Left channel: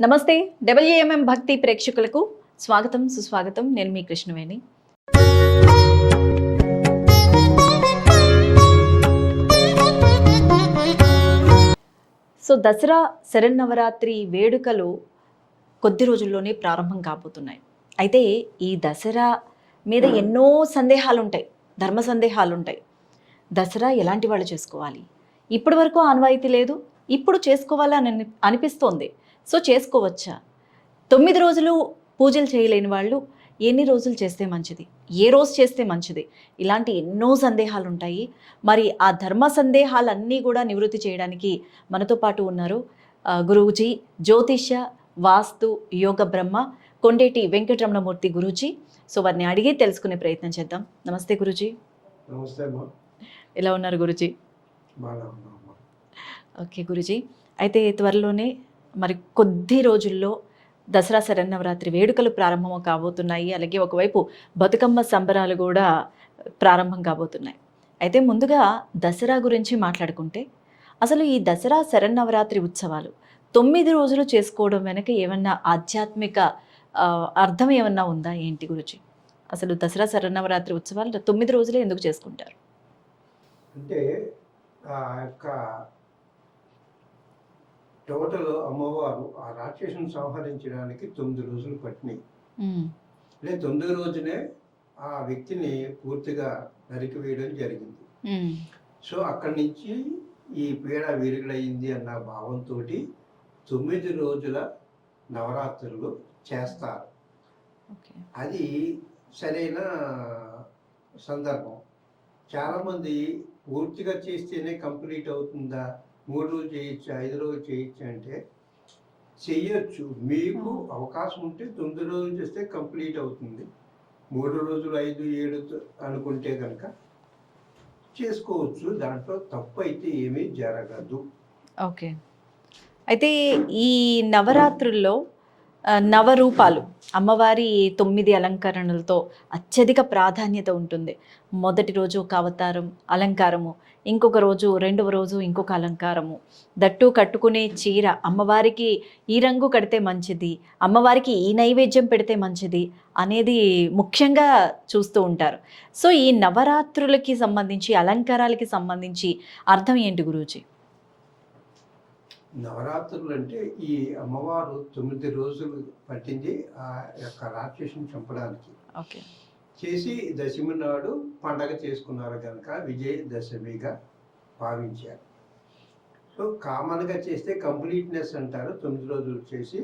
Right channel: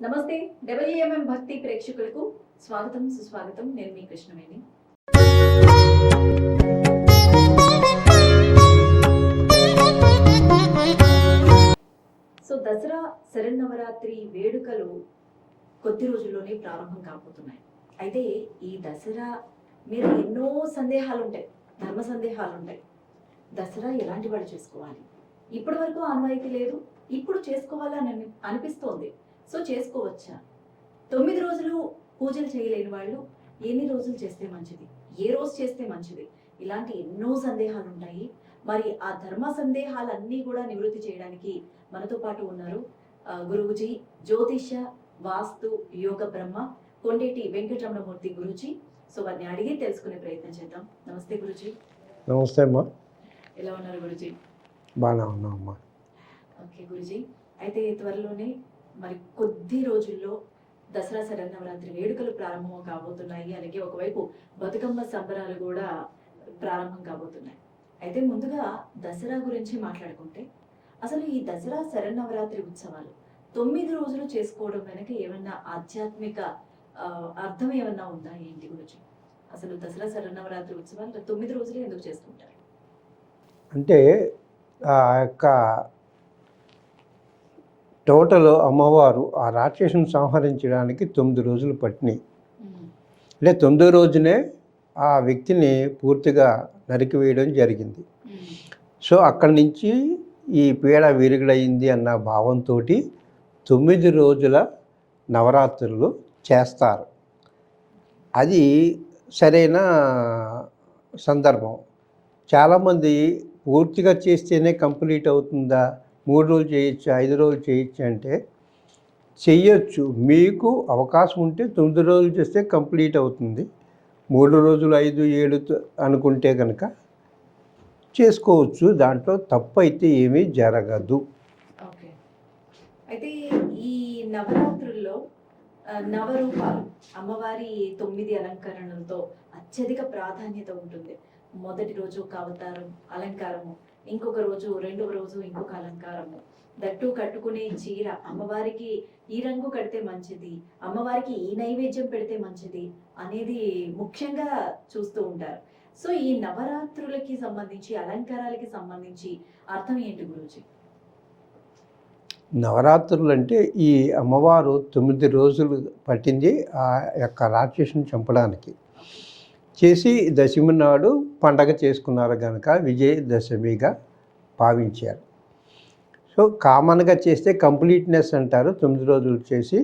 నమస్తే. డబ్ల్యూఎంఎం భక్తి ప్రేక్షకులకు స్వాగతం, సుస్వాగతం. నేను మీ కృష్ణవేణి. దసరా శరన్నవరాత్రి వేడుకలు కొద్ది రోజుల్లోనే ప్రారంభం కాబోతున్నాయి. అయితే ఈ దసరా మీద ఎన్నో సందేహాలుంటాయి, ధర్మ సందేహాలుంటాయి. దసరా ఎలాంటి వాళ్ళు చేసుకోవాలి? ఇప్పటి వరకు ఆనవాయితీ లేదు, ఇప్పుడు చేసుకోవాలని అనిపిస్తోంది. చేసుకోవచ్చా? 9 రోజులు పూజలు చేయలేని వాళ్ళు ఎన్ని రోజులు చేస్తే మంచిది? ఏ రోజు చేస్తే మంచిది? ఇలాంటి ఎన్నో సందేహాలు ఉంటాయి. మరి ఆ ధర్మ సందేహాలన్నీ కూడా నివృత్తి చేయడానికి మనతో పాటు ఉన్నారు గురూజీ, జ్యోతిష్య వాస్తు యోగ బ్రహ్మ కొండేటి వెంకటరమణమూర్తి గురూజీ. వారిని అడిగి తెలుసుకునే ప్రయత్నం చేద్దాం. నమస్తే గురూజీ. నమస్తే అమ్మా. ఎలా ఉన్నారు గురూజీ? బాగా ఉన్నాం అమ్మా. ఓకే గురూజీ, అయితే త్వరలోనే మరి కొద్ది రోజుల్లో దసరా శరన్నవరాత్రి వేడుకలు ప్రారంభం కాబోతున్నాయి. అలాగే ఒకవైపు బతుకమ్మ సంబరాలు కూడా ప్రారంభం కాబోతున్నాయి. అయితే ముందుగా దసరా గురించి మాట్లాడుకుంటే, అసలు ఈ దసరా శరన్నవరాత్రి ఉత్సవాలు 9 రోజులు చేసుకోవడం వెనక ఏమన్నా ఆధ్యాత్మిక అర్థం ఏమన్నా ఉందా ఏంటి గురుజీ? అసలు దసరా శరన్నవరాత్రి ఉత్సవాలు 9 రోజులే ఎందుకు చేసుకుంటారు? అంటే ఆ యొక్క టోటల్ అమ్మవారు ఆ రాక్షసుని సంహరించడానికి 9 రోజులు పట్టినాయి. అంటే 9వ రోజునే ఆ వ్యక్తిని పూర్తిగా నరికివేయడం జరిగింది. అక్కడి నుంచి ఈ పీడ విరుగుడైంది అన్న భావంతో 9 రోజుల నవరాత్రులు చేస్తారు. అది సరైన సందర్భం. చాలామంది పూర్తిగా చేస్తేనే కంప్లీట్ అవుతుందా, 3 రోజులు చేయొచ్చు, 5 రోజులు చేయొచ్చు అంటే చెయ్యొచ్చు. మీకు అవకాశం ఉంటే 9 రోజులు చేస్తే కంప్లీట్ అవుతుంది. 3 రోజులు 5, 7 అనుకుంటే కనుక చేసుకోవచ్చు. దాంట్లో తప్పు అయితే ఏమీ జరగదు. ఓకే. అయితే ఈ నవరాత్రుల్లో నవరూపాలు అమ్మవారి 9 అలంకరణలతో అత్యధిక ప్రాధాన్యత ఉంటుంది. మొదటి రోజు ఒక అవతారం అలంకారము, ఇంకొక రోజు రెండవ రోజు ఇంకొక అలంకారము, దట్టు కట్టుకునే చీర అమ్మవారికి ఈ రంగు కడితే మంచిది, అమ్మవారికి ఈ నైవేద్యం పెడితే మంచిది అనేది ముఖ్యంగా చూస్తూ ఉంటారు. ఈ నవరాత్రులకి సంబంధించి అలంకారాలకి సంబంధించి అర్థం ఏంటి గురూజీ? నవరాత్రులు అంటే ఈ అమ్మవారు 9 రోజులు పట్టింది ఆ యొక్క రాక్షసుని చంపడానికి. చేసి దశమి నాడు పండగ చేసుకున్నారు కనుక విజయదశమిగా భావించారు. కామన్గా చేస్తే కంప్లీట్నెస్ అంటారు. 9 రోజులు చేసి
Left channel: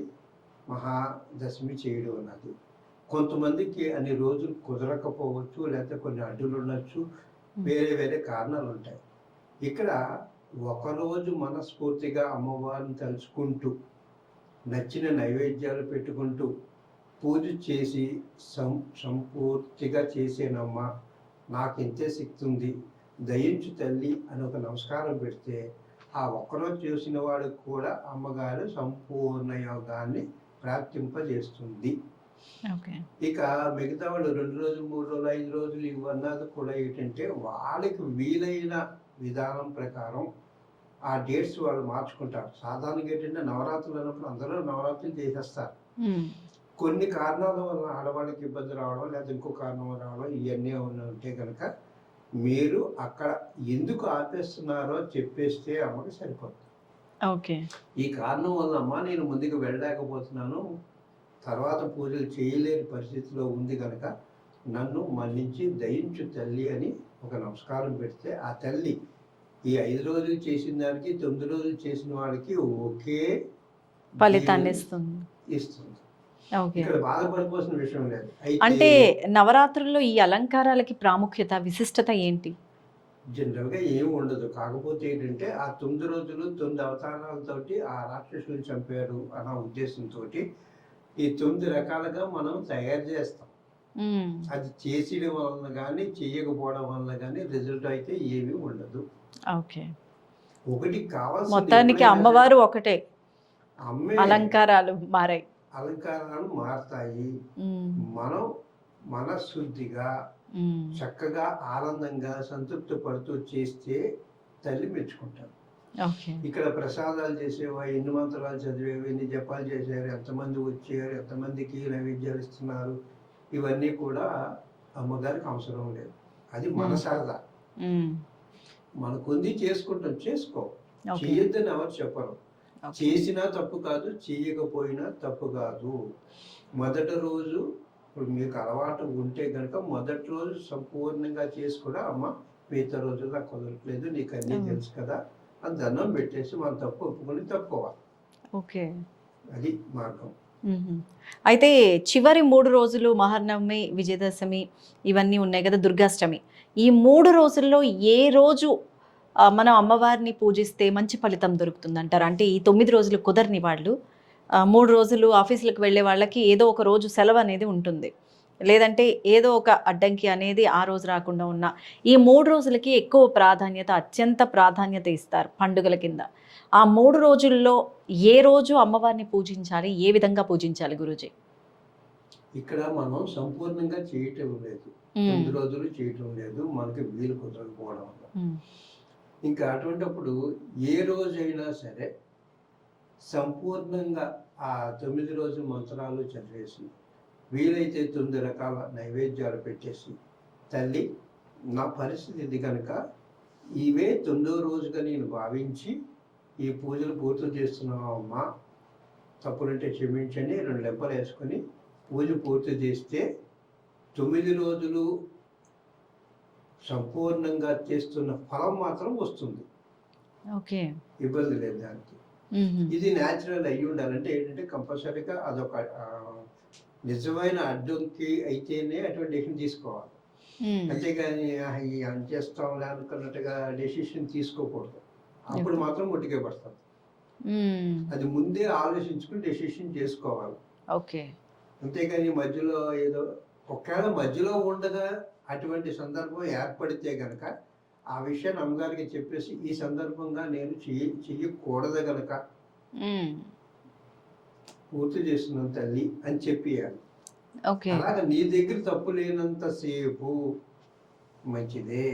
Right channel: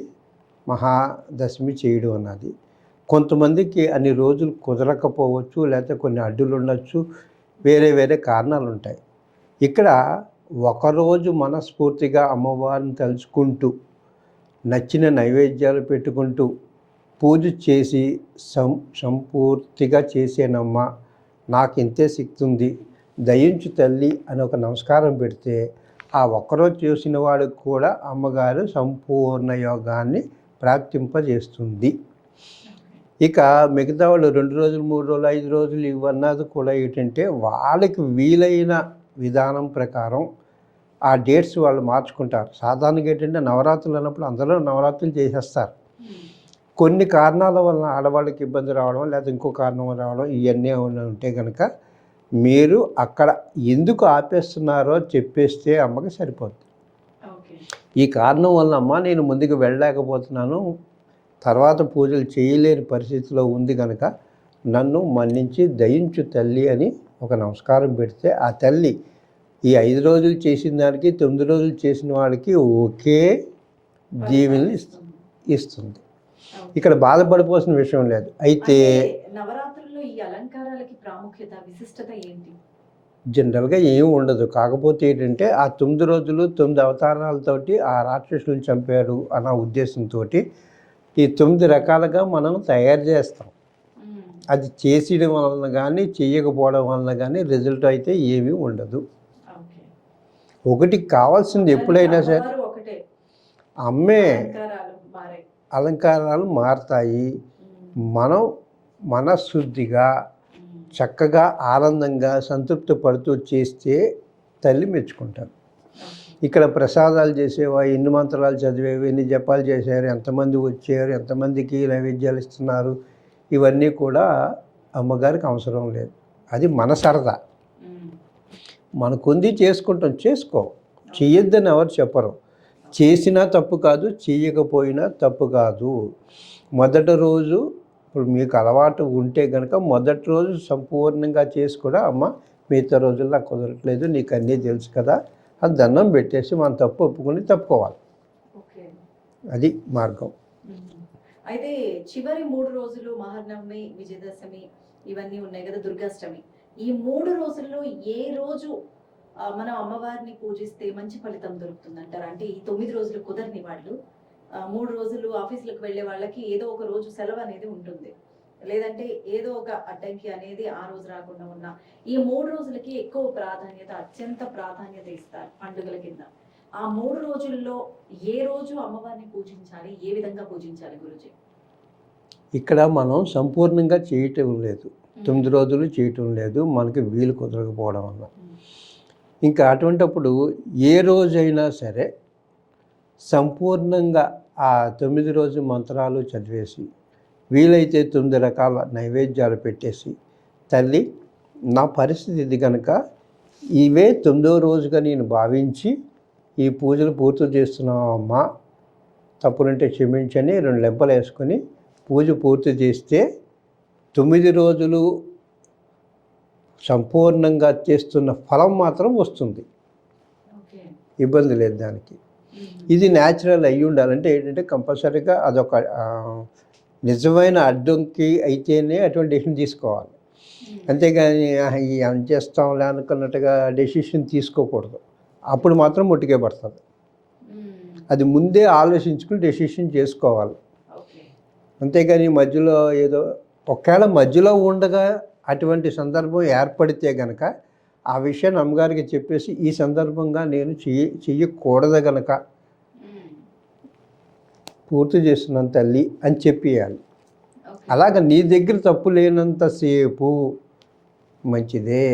మహాదశమి చేయడం అన్నది. కొంతమందికి అన్ని రోజులు కుదరకపోవచ్చు, లేకపోతే కొన్ని అడ్డులు ఉండొచ్చు, వేరే వేరే కారణాలు ఉంటాయి. ఇక్కడ ఒకరోజు మనస్ఫూర్తిగా అమ్మవారిని తలుచుకుంటూ నచ్చిన నైవేద్యాలు పెట్టుకుంటూ పూజ చేసి సంపూర్తిగా చేసేనమ్మా, నాకు ఇంతే శక్తి ఉంది, దయించు తల్లి అని ఒక నమస్కారం పెడితే ఆ ఒక్కరోజు చేసిన వాడికి కూడా అమ్మగారు సంపూర్ణ యోగాన్ని ప్రాప్తింపజేస్తుంది. ఇక మిగతా వాళ్ళు 2 రోజులు 3 రోజులు 5 రోజులు ఇవన్నది కూడా ఏంటంటే వాళ్ళకి వీలైన విధానం ప్రకారం ఆ డేట్స్ వాళ్ళు మార్చుకుంటారు. సాధారణంగా ఏంటంటే నవరాత్రులు అన్నప్పుడు అందరూ నవరాత్రులు చేసేస్తారు. కొన్ని కారణాల వలన ఆడవాళ్ళకి ఇబ్బంది రావడం, లేదా ఇంకో కారణం రావడం, ఇవన్నీ ఉంటే కనుక మీరు అక్కడ ఎందుకు ఆపేస్తున్నారో చెప్పేస్తే అమ్మకి సరిపోతుంది. ఓకే, ఈ కారణం వలన అమ్మ నేను ముందుకు వెళ్ళలేకపోతున్నాను, తర్వాత పూజలు చేయలేని పరిస్థితిలో ఉంది కనుక నన్ను మన్నించి దయించు తల్లి అని ఒక నమస్కారం పెడితే ఆ తల్లి ఈ 5 రోజులు చేసిన దానికి 9 రోజులు చేసిన వాడికి ఒకే ఫలితాన్ని ఇస్తుంది. ఇక్కడ బాధపడిపోవాల్సిన విషయం లేదు. అయితే నవరాత్రుల్లో ఈ అలంకారాలకి ప్రాముఖ్యత, విశిష్టత ఏంటి? జనరల్గా ఏమి ఉండదు. కాకపోతే ఏంటంటే ఆ 9 రోజులు 9 అవతారాలతోటి ఆ రాక్షసులను చంపారు అన్న ఉద్దేశంతో ఈ 9 రకాలుగా మనం తయారు చేస్తాం. అది చేసేయడం వలన కానీ చేయకపోవడం వలన కానీ రిజల్ట్ అయితే ఏమీ ఉండదు. ఓకే, ఒకటి కావాల్సింది ఎప్పుడైనా అమ్మవారు ఒకటే, అమ్మే అలంకారాలు మారుతాయి. మనం మనశుద్ధిగా చక్కగా ఆనందంగా సంతృప్తి పడుతూ చేస్తే తల్లి మెచ్చుకుంటారు. ఓకే. ఇక్కడ ప్రసాదాలు చేసేవా, ఎన్ని మంత్రాలు చదివేవి, ఎన్ని జపాలు చేశారు, ఎంతమంది వచ్చారు, ఎంతమందికి నైవేద్యాలు ఇస్తున్నారు, ఇవన్నీ కూడా అమ్మగారికి అవసరం లేదు. అది మన సరదా. మనకుంది చేసుకుంటాం, చేసుకో. చెయ్యొద్దని ఎవరు చెప్పరు. చేసినా తప్పు కాదు, చేయకపోయినా తప్పు కాదు. మొదటి రోజు ఇప్పుడు మీకు అలవాటు ఉంటే కనుక మొదటి రోజు సంపూర్ణంగా చేసి కూడా అమ్మ మిగతా రోజుల్లో నాకు కుదరట్లేదు, నీకు అన్నీ తెలుసు కదా అని దండం పెట్టేసి మనం తప్పు ఒప్పుకొని తప్పుకోవాలి. ఓకే. అది మార్గం. అయితే చివరి 3 రోజులు మహానవమి, విజయదశమి ఇవన్నీ ఉన్నాయి కదా, దుర్గాష్టమి, ఈ 3 రోజుల్లో ఏ రోజు మనం అమ్మవారిని పూజిస్తే మంచి ఫలితం దొరుకుతుందంటారు? అంటే ఈ 9 రోజులు కుదరని వాళ్ళు 3 రోజులు ఆఫీసులకు వెళ్ళే వాళ్ళకి ఏదో ఒక రోజు సెలవు అనేది ఉంటుంది, లేదంటే ఏదో ఒక అడ్డంకి అనేది ఆ రోజు రాకుండా ఉన్న ఈ 3 రోజులకి ఎక్కువ ప్రాధాన్యత, అత్యంత ప్రాధాన్యత ఇస్తారు పండుగల కింద. ఆ 3 రోజుల్లో ఏ రోజు అమ్మవారిని పూజించాలి, ఏ విధంగా పూజించాలి గురూజీ? ఇక్కడ మనం సంపూర్ణంగా చేయటం లేదు, 9 రోజులు చేయటం లేదు, మనకి వీలు కుదరకపోవడం వల్ల. ఇంకా అటువంటప్పుడు ఏ రోజైనా సరే సంపూర్ణంగా ఆ 9 రోజు మంత్రాలు చదివేసి వీలైతే 9 రకాల నైవేద్యాలు పెట్టేసి, తల్లి నా పరిస్థితి ఇది కనుక ఇవే 9వ రోజుగా నేను భావించి ఈ పూజలు పూర్తి చేస్తున్నామమ్మా, తప్పులుంటే క్షమించని 2 లెంపలు వేసుకొని పూజ పూర్తి చేస్తే 9 రోజులు సంపూర్ణంగా చేస్తున్న ఫలం మాత్రం వస్తుంది. ఓకే. ఇబ్బంది లేదు దానికి. ఇది న్యాచురల్ అయ్యి ఉండాలంటే ఏంటంటే కంపల్సరీగా అదొక నిజమైన అడ్డంకి అయితేనే అటువంటి డెసిషన్ తీసుకోవాలి. అంతేగాని ఈ చేస్తాంలే అనుకున్నట్టుగా డెసిషన్ తీసుకోకూడదు. అప్పుడు మాత్రం ముట్టుకే పడుతుంది. అది ముందే ఆలోచించుకుని డెసిషన్ చేసుకోవాలి. ఓకే. అంతేగాని మధ్యలో ఏదో ఒకవేళ మధ్యలో ఉండగా అటువంటి సందర్భం ఏర్పడితే గనక ఆ విషయాన్ని అమ్మగారికి చెప్పేసి ఈ సందర్భంగా నేను చెయ్యకూడదు గనక పూర్తి చేస్తున్నాను తల్లి అని చెప్పేయాలి. అలాగ నీ దగ్గర తప్పు లేనంతసేపు మంచిదే.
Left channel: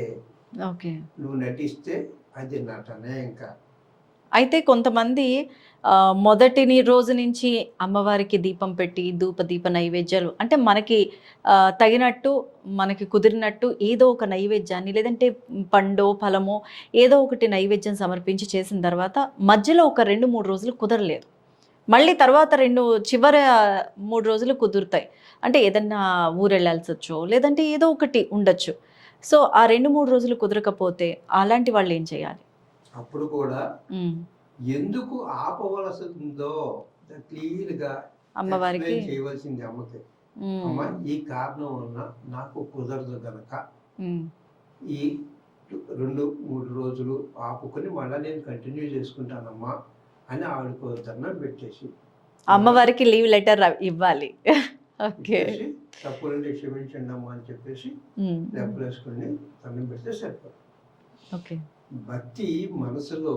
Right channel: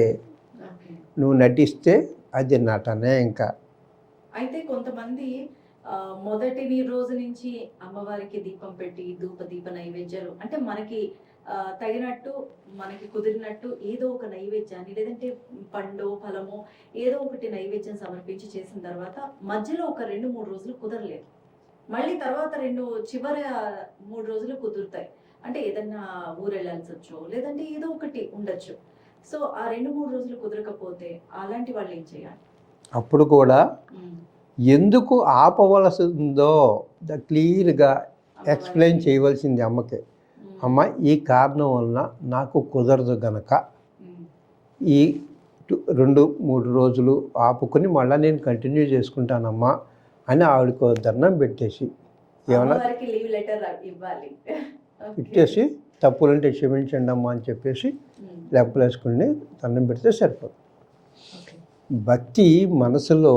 నువ్వు నటిస్తే అది నటనే. ఇంకా అయితే కొంతమంది మొదటి రోజు నుంచి అమ్మవారికి దీపం పెట్టి దీప నైవేద్యాలు అంటే మనకి తగినట్టు మనకి కుదిరినట్టు ఏదో ఒక నైవేద్యాన్ని, లేదంటే పండో ఫలమో ఏదో ఒకటి నైవేద్యం సమర్పించి చేసిన తర్వాత మధ్యలో ఒక 2-3 రోజులు కుదరలేదు, మళ్ళీ తర్వాత చివరి 3 రోజులు కుదురుతాయి. అంటే ఏదన్నా ఊరెళ్ళాల్సి వచ్చో లేదంటే ఏదో ఒకటి ఉండొచ్చు. సో ఆ 2-3 రోజులు కుదరకపోతే అలాంటి వాళ్ళు ఏం చేయాలి? అప్పుడు కూడా ఎందుకు ఆపవలసిందో క్లియర్గా ఎక్స్ప్లెయిన్ చేయవలసింది అమ్మకి. అమ్మ ఈ కారణం వలన నాకు కుదరదు గనక ఈ 2-3 రోజులు ఆపుకొని మళ్ళీ నేను కంటిన్యూ చేసుకుంటానమ్మా అని ఆవిడకు దండం పెట్టేసి అమ్మవారికి లీవ్ లెటర్ ఇవ్వాలి. ఇచ్చేసి తప్పులుంటే క్షమించండి అమ్మా అని చెప్పేసి లెంపలు వేసుకుని దండం పెడితే సరిపోదు. భక్తి మనసులో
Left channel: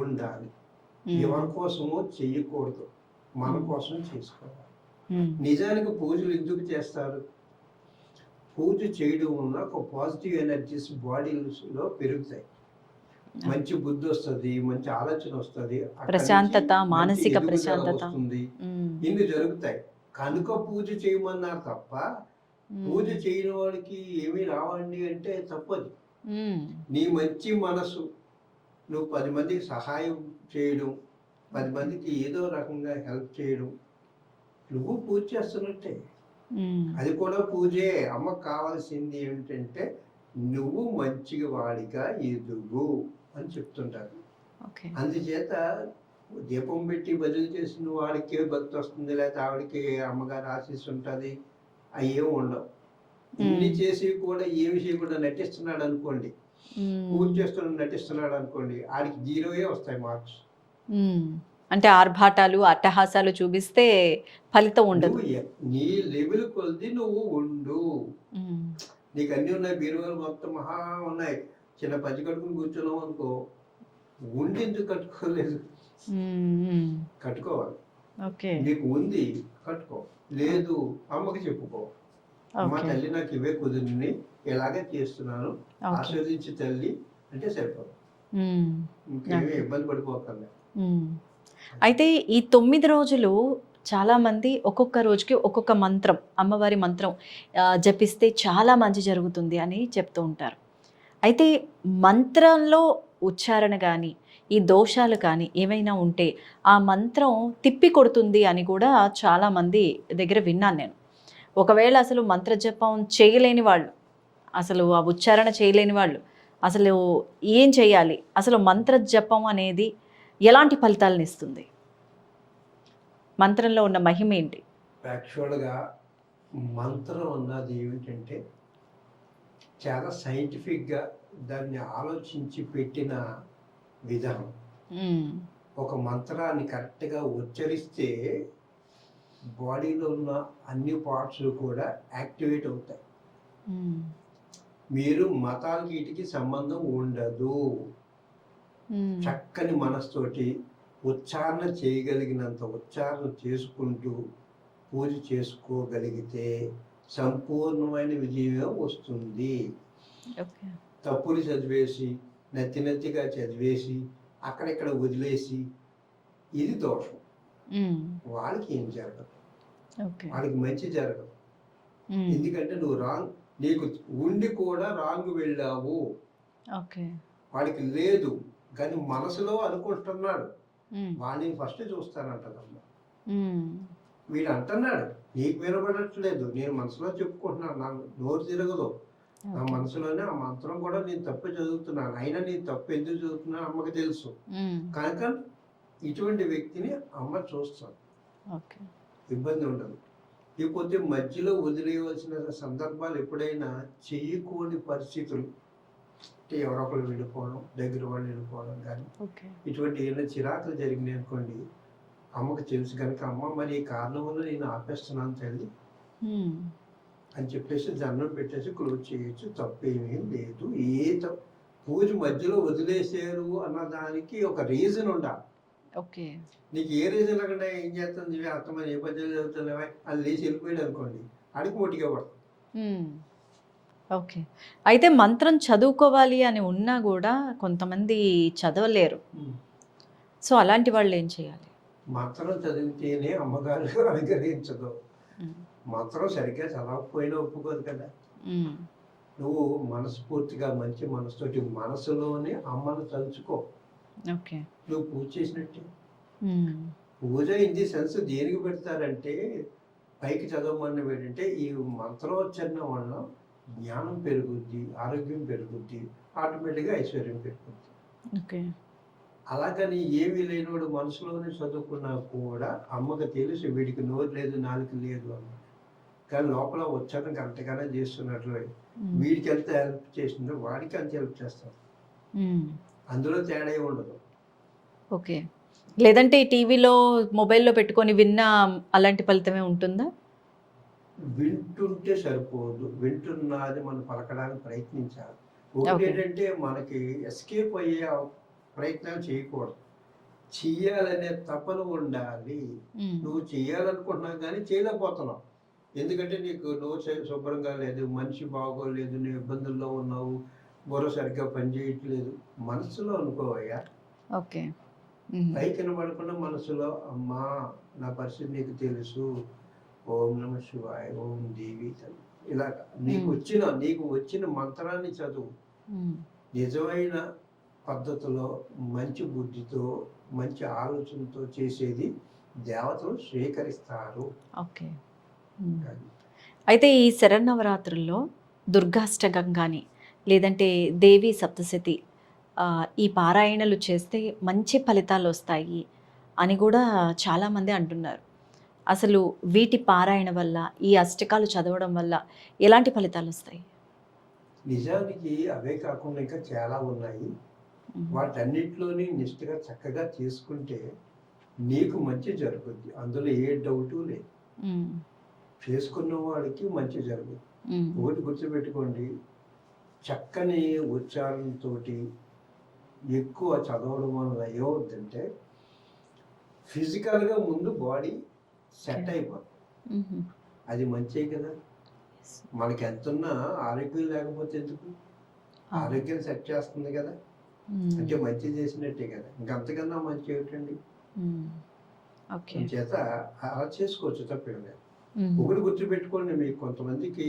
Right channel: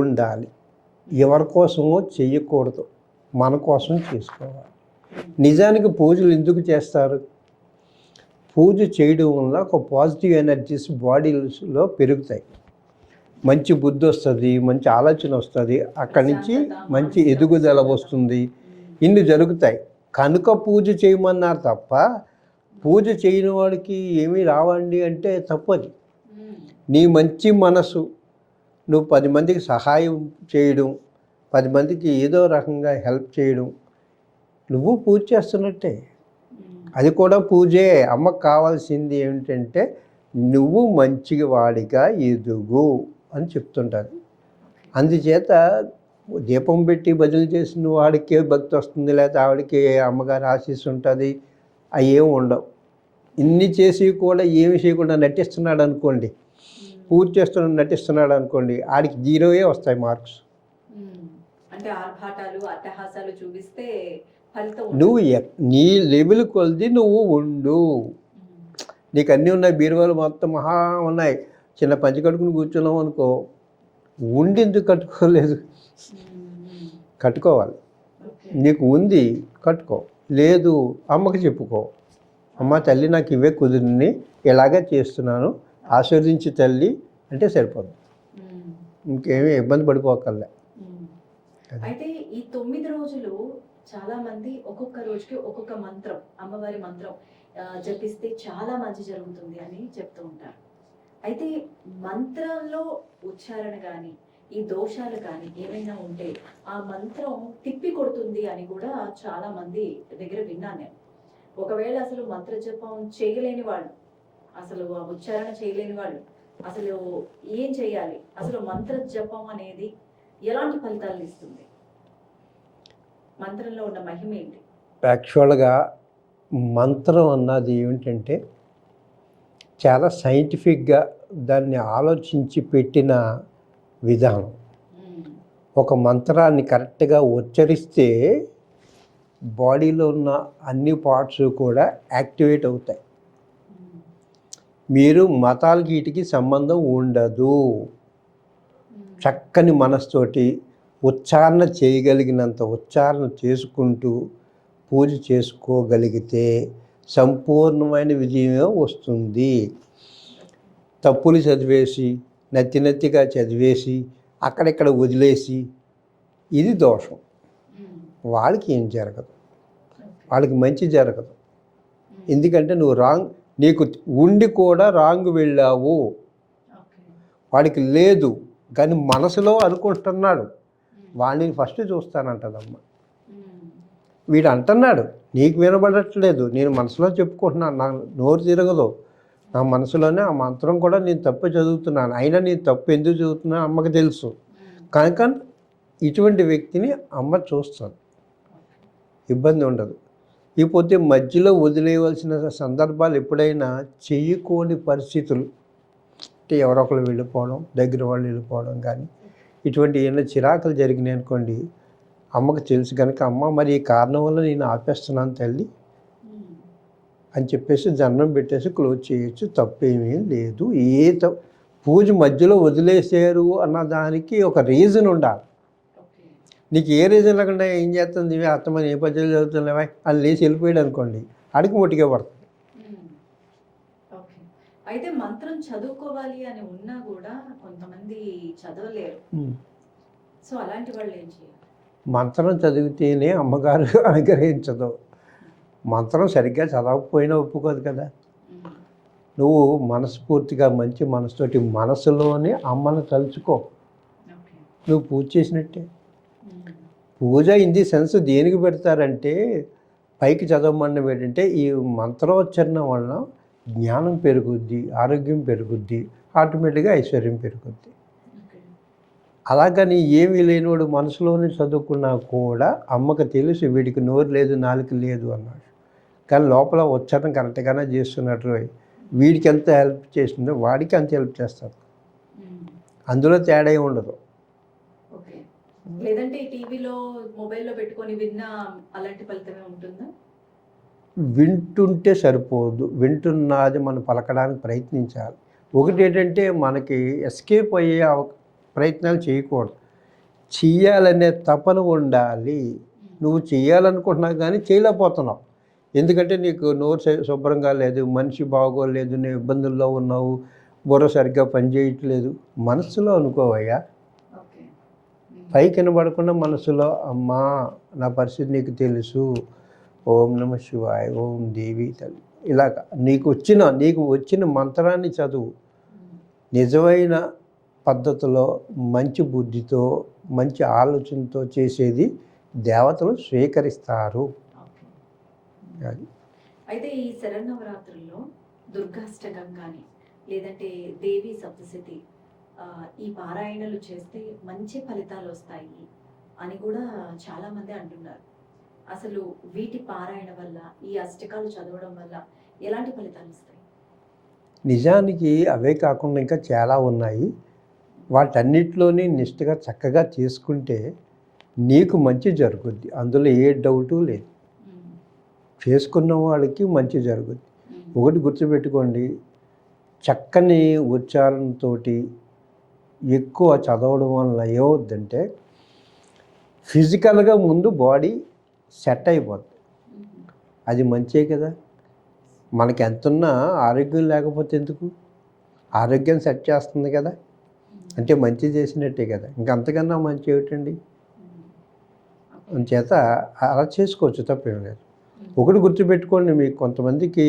ఉండాలి. ఎవరి కోసమో చెయ్యకూడదు, మన కోసం చేసుకోవాలి. నిజానికి పూజలు ఎందుకు చేస్తారు? పూజ చేయడం వల్ల ఒక పాజిటివ్ ఎనర్జీస్ బాడీలో పెరుగుతాయి, మంచి బుద్ధి వస్తుంది, మంచి ఆలోచన వస్తుంది, అక్కడి నుంచి మంచి ఎదుగుదల వస్తుంది, ఇన్ని జరుగుతాయి. కనుక పూజ చేయమన్నారు తప్ప పూజ చేయని వాడికి ఏమీ రావండి అంటే తప్పది. నీ మంచి మనసు, నువ్వు 10 మందికి సహాయం చేయడం, 10 మందికి ఏదో రకంగా హెల్ప్ చేయడం, నువ్వు పూజ చేస్తున్నట్టే. అది కూడా పూజే. అమ్మకు కావాల్సింది ఏమిటంటే నువ్వు మంచిగా వాడిగా ఎదుగు అని చెప్తుంటారు. అందుచేత దీపం పెట్టి భజన చేసిన వాడికే భక్తి వస్తుంది, లేకపోతే ఆవిడకి అమ్మగారి ఆశీస్సు ఉంటుంది, అవి ఏమి ఉండవు. ఇన్ని చేసి కూడా ఏమి చేయకుండా నటిస్తున్నాడు అనుకోండి, పూజ చేస్తున్నాడు నటిస్తున్నాడు అనుకోండి, ఆడికి 0 వస్తాయి మార్క్స్. అంటే ఆర్భాటాలు అట్టహాసాలు చూపిస్తే ఫలితం ఉండదు. నువ్వు నీ లెవెల్ కొలిది నువ్వు ఉండు. నీకు అన్నీ ఉన్నాయి, బీరువాలు మొత్తం మహా ఉన్నాయి, చిన్న పంచి కట్టుకుని కూర్చున్నావు అనుకో, ఉండి ఎందుకు కట్టుకోలేదు? కట్టుకోవాలి. నీకు ఉంది కట్టుకో, లేదు అమ్మకి చెప్పుకో, అమ్మ తల్లి నాకు ఇవే కుదిరిని, ఇలాగే చేస్తున్నాను, ఆశీర్వదించి తల్లి అంటే సరిపోదు. మ్మ్. ఇంకేమీ ఇబ్బంది పడిపోకల్లా. మ్మ్. అయితే ఈ 9 రోజులు చాలామంది ఒక్కొక్క రోజుకి ఒక్కొక్క మంత్రం, అమ్మవారి మంత్రం జపిస్తే చాలా మంచి జరుగుతుంది అని చెప్తూ ఉంటారు. అయితే మంత్రంలో ఉచ్చారణ కానీ ఈ దోషాలు కానీ ఏమైనా ఉంటే ఆ మంత్రం తిప్పి కొడుతుంది అని కూడా చాలామంది దగ్గర విన్నాను నేను. ఒకవేళ అసలు మంత్రజపం చేయలేని వాళ్ళు, అసలు ఆ ఉచ్చారణ చేయలేని వాళ్ళు అసలు ఏం చేయాలి? అసలు మంత్రజపం అనేది ఎలాంటి ఫలితాలను ఇస్తుంది? మంత్రంలో ఉన్న మహిమ ఏంటి? యాక్చువల్గా మంత్రం అన్నది ఏమిటంటే చాలా సైంటిఫిక్గా దాన్ని ఆలోచించి పెట్టిన విధానం. ఒక మంత్రాన్ని కరెక్ట్గా ఉచ్చరిస్తే బాడీలో ఉన్న అన్ని పార్ట్స్ కూడా యాక్టివేట్ అవుతాయి. మీరు మతాలకి వీటికి సంబంధం ఉండదు. చక్కని మనస్తోటి ఉచ్చారణ చేయగలిగినంత ఉచ్చారణ చేసుకుంటూ పూజ చేసుకోగలిగితే సంపూర్ణమైన విజయమే వస్తుంది. తప్పులు చదివేసి నత్తిగా చదివేసి అక్కడిక్కడ వదిలేసి ఇది దోషం. వాళ్ళకి ఏం జరగదు, వాళ్ళకి మంచి జరగదు. ఎందుకంటే నువ్వు నీకు ఉండి కూడా రాంగ్ వెళ్ళావు. వాడికి లేదు కానీ మనసులో అనుకుంటున్నాడు. వాడిని ఫస్ట్ చూస్తానంటదమ్మ. వీడు అంటున్నాడు నీకు వినబడట్లేదు, నేను మనసులో చెప్పుకుంటున్నాను, నా నోరు తిరగదు, నా మనసులోనే ఆ మంత్రం కూడా నేను తప్పు చదువుతున్నాను, అయినా నేను తప్పు ఎందుకు చదువుతున్నాను అమ్మకి తెలుసు. కనుక ఇటువంటి వ్యక్తిని అమ్మ చూస్తాను, ఇబ్బంది ఉండదు. ఇకపోతే మధ్యలో వదిలేయవలసిన సందర్భాలు ఎప్పుడైనా చెయ్యకోని పరిస్థితులు అంటే ఎవరొకరు వెళ్ళిపోవడం, దగ్గర వాళ్ళు వెళ్ళిపోవడం కానీ ఇటువంటి ఏమైనా చిరాకులు జరిగినాయి అనుకోండి, అమ్మకు తెలుసు కనుక అమ్మ మరి ఈ కారణం వల్ల నేను ఆపేస్తున్నాను తల్లి అని చెప్పేసి దండం పెట్టేసి క్లోజ్ చేయొచ్చు, తప్పేమీ లేదు. పూజ మధ్యలో వదిలేసారు అన్న దానికి ఒక రీజన్ ఉండాలి. నీకు ఏ రీజన్ లేకుండా ఏం చేస్తుంది అత్తమని ఏ పద్యాలు చదువుతున్నావా అని లేచి వెళ్ళిపోయాడు అనుకోండి, అడిగి మొట్టిగా పడుతుంది. ఓకే. అయితే మంత్రం చదువుకోవాలి అని ఉన్నా కూడా కొంతమంది చదవలేరు. సో అలాంటి వాళ్ళు ఏం చేయాలి? మంత్రం చదివితేనే అమ్మగారు అనుగ్రహించదు. మంత్రం సరిగ్గా చదవకపోయినా ఒప్పుకోదు కదా. నువ్వు మనస్ఫూర్తిగా మంచి మనసుతోటి మనసులోనే అమ్మను తలుచుకో, నువ్వు పూజ చేసినట్టే. పూజ ఇన్ ది సెన్స్ దేనికి పెడతారంటే పైకి చదవమని ఏంటంటే ఈ మంత్రోచ్చరణ వలన జ్ఞానం పెరుగుద్ది, ఆరోగ్యం పెరుగుద్ది, ఆటోమేటిక్గా ఐశ్వర్యం పెరుగుద్ది. అలాగని ఏమీ లేనివాడు మనసులోనే చదువుకున్నా కూడా అమ్మకు తెలుసు వీడికి నోరు లేదు నాలుక లేదు అన్నాడు, కానీ లోపల ఉచ్చారణ కరెక్ట్గానే చేస్తున్నట్టు వీడికి ఎంత హెల్ప్ చేస్తుందో వాడికి అంత హెల్ప్ చేస్తారు. అందులో తేడా ఉండదు. ఓకే. లేదంటే టీవీలో మొబైల్లో పెట్టుకొని విన్నా అలాంటి ఫలితమే ఉంటుందా? వింటుంటే సరిపోదు, వింటున్నది మనం పలకడానికి ప్రయత్నించాలి. ఒకటి ఏంటంటే మనకి ఎస్కేప్ అయ్యే ప్రయత్నాలు చేయకూడదు, చెయ్యాలనే తపన ఉండాలి. నువ్వు చెయ్యాలనుకుంటున్నావు కానీ చేయలేకపోతున్నావు, ఎందుకంటే నీకు నోరు శుభ్రంగా లేదు, మనిషి బాగోలేదు, నువ్వు ఇబ్బందుల్లో ఉన్నావు, బుర్ర సరిగ్గా పనిచేయట్లేదు. మనసులో అనుకోవయ్యా. ఓకే. పైకి వినబడకుండా మనసులో అమ్మా నా పరిస్థితి నీకు తెలుసు, ఓం నమ శివాయ, ఓం దేవి తల్లి, ఇలాగ నీకు వచ్చిన మంత్రాన్ని చదువు. నిజమైన పద్ధతిలో మంచి బుద్ధితో మంచి ఆలోచనతో చేసేది దేవతలు స్వీకరిస్తారు. ఓకే. అయితే ఈ శరన్నవరాత్రుల్లో దుర్గాష్టకం కానీ లేదంటే దేవి సప్తశతి ఈ పారాయణలు చేస్తే మంచి ఫలితాలు వస్తాయి అని కూడా చాలామంది అంటున్నారు. అసలు వీటి పారాయణ వల్ల ఈ అష్టకాలు చదవడం వల్ల ఎలాంటి ఫలితాలు వస్తాయి? నిజానికి అవే కాకుండా ఇంకా చాలా ఉన్నాయి. వాటన్నిటిలోని నిష్ఠగా చక్కగా చేసుకుంటే నీకు మంచి జరుగుద్ది, అందులో ఏ డౌటు లేదు. చేసుకున్న వాళ్ళకి మంచి జరుగుద్ది. ఒకటి గుర్తుపెట్టుకోండి, చక్కని ఉచ్చారణతో ఎక్కువ చదవడం వల్ల ఏమవుద్దంటే ఫిజికల్గా ముందు బాడీ సెట్ అయిపోద్ది. అది మంచే కదా. మనకి ఎంతున్నా ఆరోగ్యం లేకపోతే ఎందుకు, ఆరోగ్యం సెట్ చేస్తుంది కదా. అంటే మంచి చేసినట్టే కదా, ఇంకంతకన్నా మంచి ఏమిటండి. ఓకే. చేత అలా చేసుకోవచ్చు, తప్పేం లేదు. ఒకటి గుర్తుపెట్టుకోండి, మీకు కొంతమందికి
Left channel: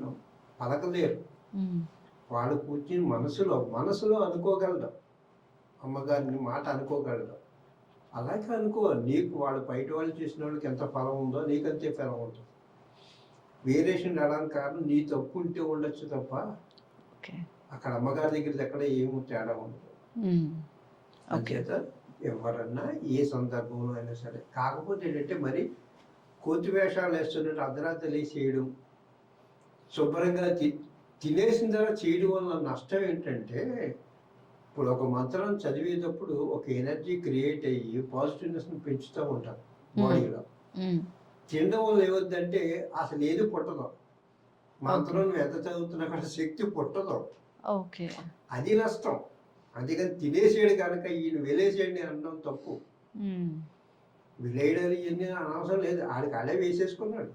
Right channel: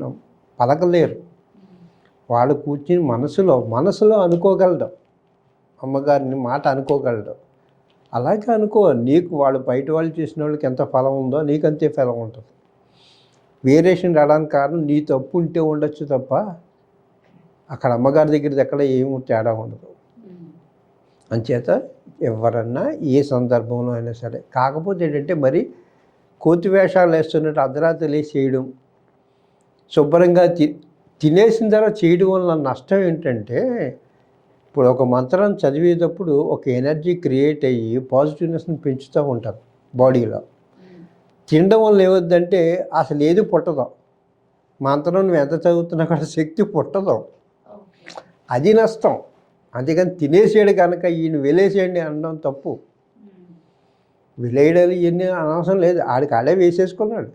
న- పలకలేరు, వాళ్ళు కూర్చుని మనసులో అనుకోగలడు, అమ్మగారిని మాట అనుకోగలడు. అలాగే అనుకో, నీకు వాళ్ళు బయట వాళ్ళు చేసిన వాళ్ళకి ఎంత ఫలం ఉందో నీకు అంతే ఫలం ఉంటుంది. వేరియేషన్ రావడానికి కారణం నీ తప్పు ఉంటే ఉండొచ్చు తప్ప అక్కడ అమ్మగారి దగ్గరది ఎక్కడ ఏమి తేడా ఉండదు. అంచేత ఎవరన్నా ఏ సందర్భంలో అయినా సరే, కాకపోతే ఏంటంటే మరి కోతి వేషాలు వేస్తున్నట్టు అర్ధరాత్రి లేచి చేయడం, శుభ్రంగా తినేసిన తర్వాత చేయడం వల్ల నష్టం ఏంటంటే, ఇప్పుడు ఒక మంత్రం చదివేటప్పుడు ఒక ఎనర్జీ క్రియేట్ అయ్యి పాజిటివ్నెస్ని పెంచుతూ ఉంటారు బాడీలో. తినడం వల్ల ఏమవుద్దంటే అసలు ఏది పుట్టదు, మంత్రం నువ్వు ఎంత చదువుతున్నా కూడా శక్తి పుట్టదు, అది నష్టం. అంతేకాని తినేసేయడు కనుక ఈయన వెలేసేయండి అనడం తప్పు. విలేయడాలు ఇవన్నీ అనవసరం లేదు, ఆడికి ఆడే వేసేసుకున్నాడు,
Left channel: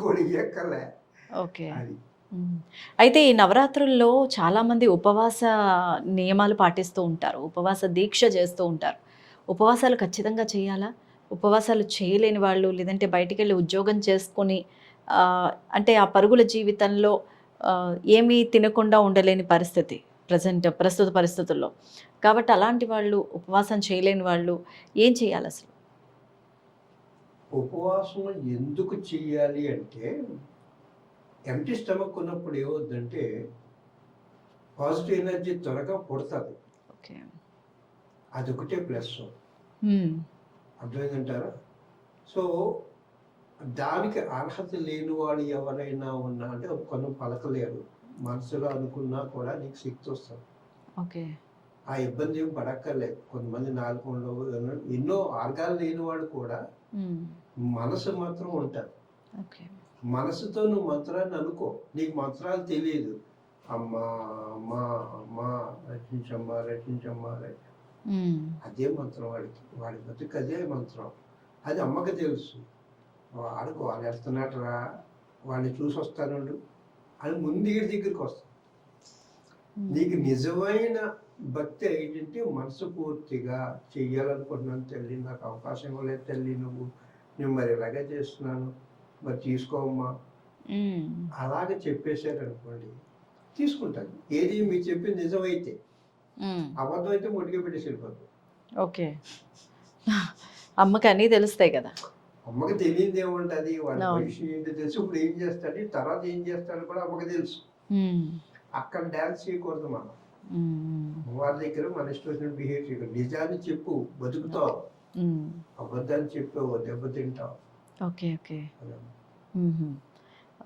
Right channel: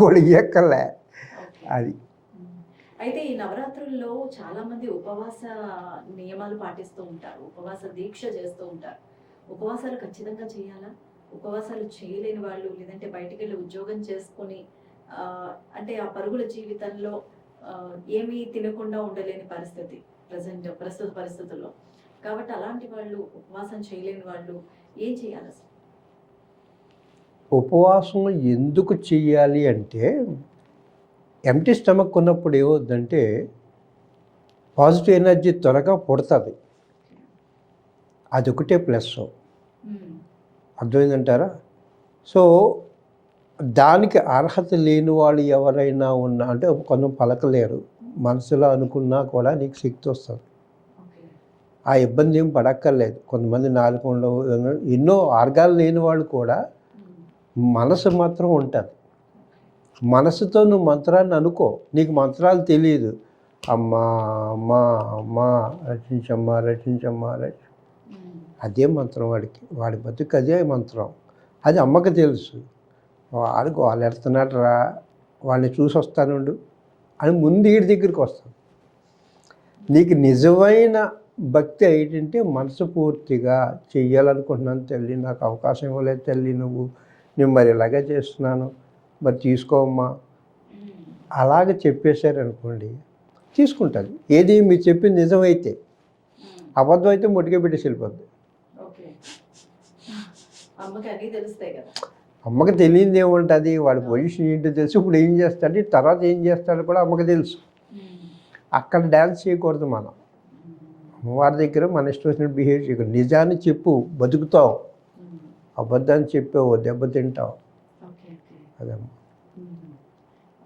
గొడిగెక్కలే అది. అయితే ఈ నవరాత్రుల్లో చాలామంది ఉపవాస నియమాలు పాటిస్తూ ఉంటారు, ఉపవాస దీక్ష చేస్తూ ఉంటారు. ఉపవాసాలు ఖచ్చితంగా చేయాలా? ఉపవాసాలు చేయలేని వాళ్ళు, లేదంటే బయటికి వెళ్ళి ఉద్యోగం చేసుకొని అంటే ఆ పరుగుల జీవితంలో ఏమీ తినకుండా ఉండలేని పరిస్థితి ప్రస్తుత పరిస్థితుల్లో, కాబట్టి అలాంటి వాళ్ళు, ఉపవాసం చేయలేని వాళ్ళు ఏం చేయాలి అసలు? ఉపవాసం ఎందుకు చెయ్యాలి అంటే, ఎంటీ స్టమక్ ఉన్నప్పుడు ఏమవుద్దంటే పాజిటివ్ ఎనర్జీ త్వరగా పుడుతుంది, అదొకటే ప్లస్. అర్థమైందంటారా? సో దానికి అర్హత లేని వాళ్ళు ఎవరైనా ఉన్నా, అంటే కొంత పలకలేరు, మనసులో అనుకున్నా కూడా నీకు శక్తి వస్తుంది. ఆ ఇబ్బంది ఏం పడక్కర్లేదు. కొంతమంది నాలుగు ఉండవు, ఎన్నో ఆర్గాలు లేని వాళ్ళు కూడా మనసు మాత్రం ఉంటుంది. మనసుతో నువ్వు మంత్రాన్ని అనుకో, నీకు మంత్రాలు తెలియదు, అమ్మా అమ్మా అమ్మా రక్షించమ్మా రక్షించమ్మా అదే మంత్రం వాడికి, వాడి బతుకు అదే మంత్రం. అది అమ్మకి తెలుసు, వాడికి వాళ్ళు వెళ్తున్నాడు రా, వాళ్ళని చూసి వస్తానుండు అని ముందు వీడి దగ్గరికి వస్తాను. నీకు నిజమైన భక్తి ఏంటంటే మనస్ఫూర్తిగా చెయ్యాలనుకుంటున్నాను తల్లి, నాకు అవకాశం ఇవ్వలేదు తల్లి, నేను మరి ఇలాగే చేస్తున్నాను, మరి తీసుకోమ్మా, అలాగే చెప్పేశారనుకోండి తీసుకుంటుంది. ఏది మీరు చెప్పింది నిజమైతే, అబద్ధం అయితే మొట్టిగా పెట్టేసి వెళ్ళిపోద్ది. ఓకే, అమ్మకి అన్నీ తెలుస్తాయి కదా. అమ్మకి తెలియదు ఏముంటుంది, వాడి పొజిషన్ ఏంటో తెలుసు, ఇప్పుడు ఏం చేస్తాడు, తర్వాత ఏం చేస్తాడు కూడా అమ్మకి తెలుసు. అక్కడ డ్యాన్స్ చేయకూడదు మనం, అమ్మవారి దగ్గర మన ఇష్టం వచ్చినట్టు బిహేవ్ చేయకూడదు. నిజాన్ని చెప్పు, బతుకుతావు, అబద్ధాన్ని చెప్పావు దెబ్బతింటావు. Okay okay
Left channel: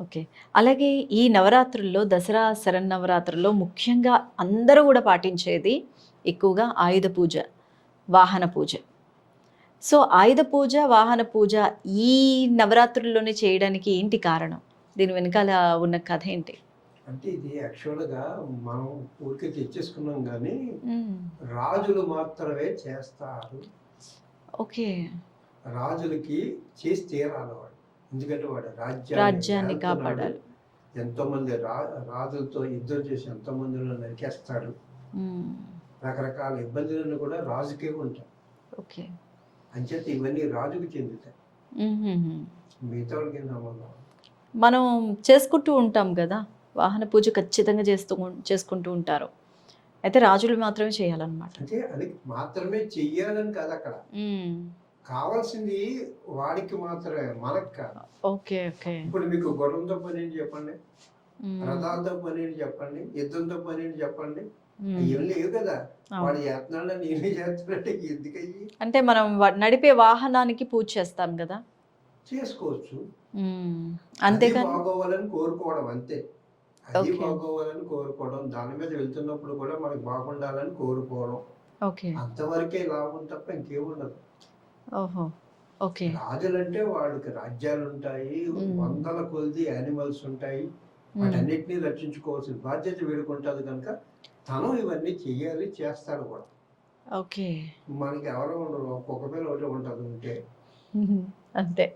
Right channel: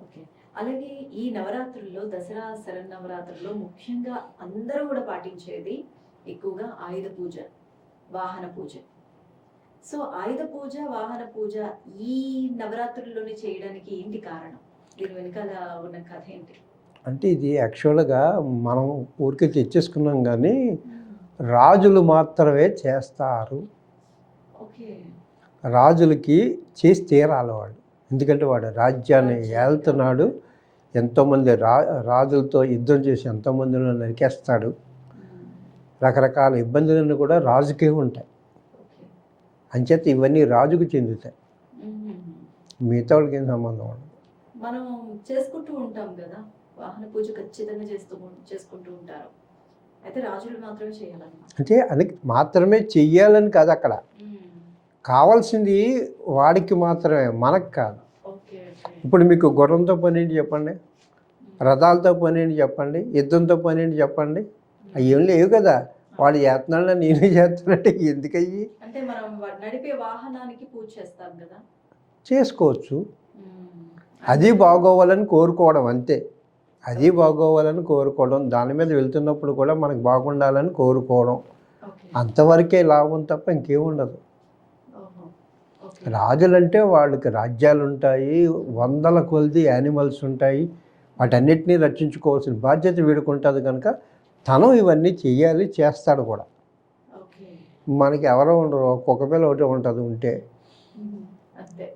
okay. అలాగే ఈ నవరాత్రుల్లో, దసరా శరన్నవరాత్రుల్లో ముఖ్యంగా అందరూ కూడా పాటించేది ఎక్కువగా ఆయుధ పూజ, వాహన పూజ. సో ఆయుధ పూజ, వాహన పూజ ఈ నవరాత్రుల్లోనే చేయడానికి ఏంటి కారణం? దీని వెనకాల ఉన్న కథ ఏంటి? అంటే ఇది యాక్చువల్గా మనం ఊరికే తెచ్చేసుకున్నాం, కానీ రాజులు మాత్రమే చేస్తారు. ఓకే, రాజులకి చేసి తీరాలి వాడు, ఎందుకంటే వాడు రాజ్యాన్ని వెళ్తున్నాడు, ఎంతోమంది రాజులతో యుద్ధం చేసి ఎంతోమందిలో నరికేస్తాడు, రకరకాల ఇబ్బందులన్నీ కూడా రాజుకే ఉంటాయి. ఓకే, అంచేత ఇవన్నీ రాజుకు చెందుతాయి, మిగతా వాళ్ళకి ఏం సంబంధం ఉండదు. మనం చేసుకుంటూ ఉంటాం కదా, వాహన పూజ ఖచ్చితంగా చేసుకుంటూ ఉంటారు, అయితే రాజులు మాత్రమే చేయాలన్నమాట. అంటే అది మాత్రమే చెయ్యాలని కాదు, అక్కడ కావాల్సింది వాడికి మాత్రమే, మనకు కాదు. Okay okay. ఇప్పుడు మీకు గుర్రంతో పని ఏంటి చెప్పండి, రథాలతో పని ఏంటి చెప్పండి, యుద్ధంతో పని ఏంటి చెప్పండి, అవి ఏం లేవు కదా. వాడు చేస్తున్నాడు నేనే చేస్తున్నట్టే ఎందుకయ్యి, అంటే మనం నడిపే వాహనానికి పూజ చేస్తాం కదా, చేసుకోవచ్చు. అది బాగోవాలని కోరుకోవడం అంతే, అది బాగోవాలని కోరుకోవడం, దాని మీద వెళ్తున్నప్పుడు కూడా మనకు బాగుండాలని కోరుకోవడం, అంతవరకే లాభం తప్ప ఇంకేముండదు. రాజులంటే వాళ్ళకి రాజ్యాలు ఉంటాయి, వందల కొలది యానిమల్స్ ఉంటాయి, వాటన్నిటినీ రక్షించుకోవాల్సిన బాధ్యత వీడుకుంటుంది కనుక తను ఇవన్నీ చెయ్యాలి, చేస్తాడు కూడా. ఓకే, మనకి ఎవరో ఉండరు, ఒక్కొక్క పిల్ల ఒకటే ఉంటుంది, ఉంటే అంతే,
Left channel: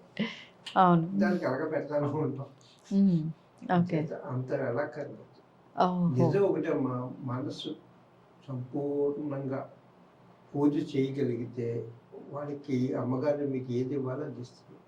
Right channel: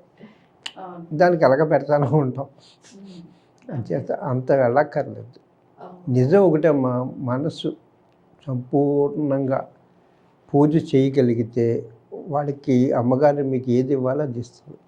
అవును, దానికి ఎలాగ పెడతాను ఉంటాం, అంత వెళ్ళక్కర్లేదు. నిజం ఒకటే, మనసు సంపూర్ణంగా పూజ చేయగలిగితే వాడికి అమ్మగారు మీకు ఏది ఇవ్వాలో అది ఇస్తుంది.